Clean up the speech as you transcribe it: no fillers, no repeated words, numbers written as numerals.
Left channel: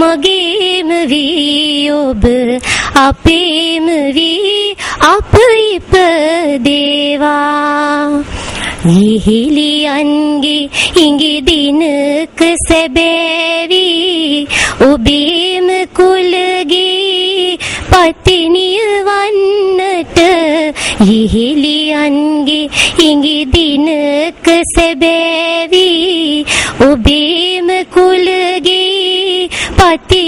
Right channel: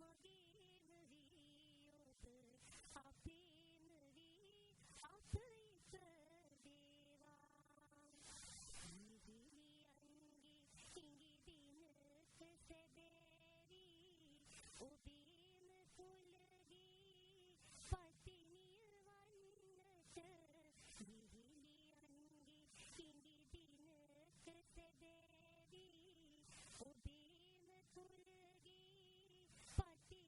මගේම වී ඔබ අපේම වී අප ඉපදේවා. ඉහිලියන්ගේ ඉඟි දිනක සැබෑවි ඔබේම කුලගේ පතිනිය වන්නට. ඉහිලියන්ගේ ඉඟි දිනක සැබෑවි ඔබේම කුලගේ පති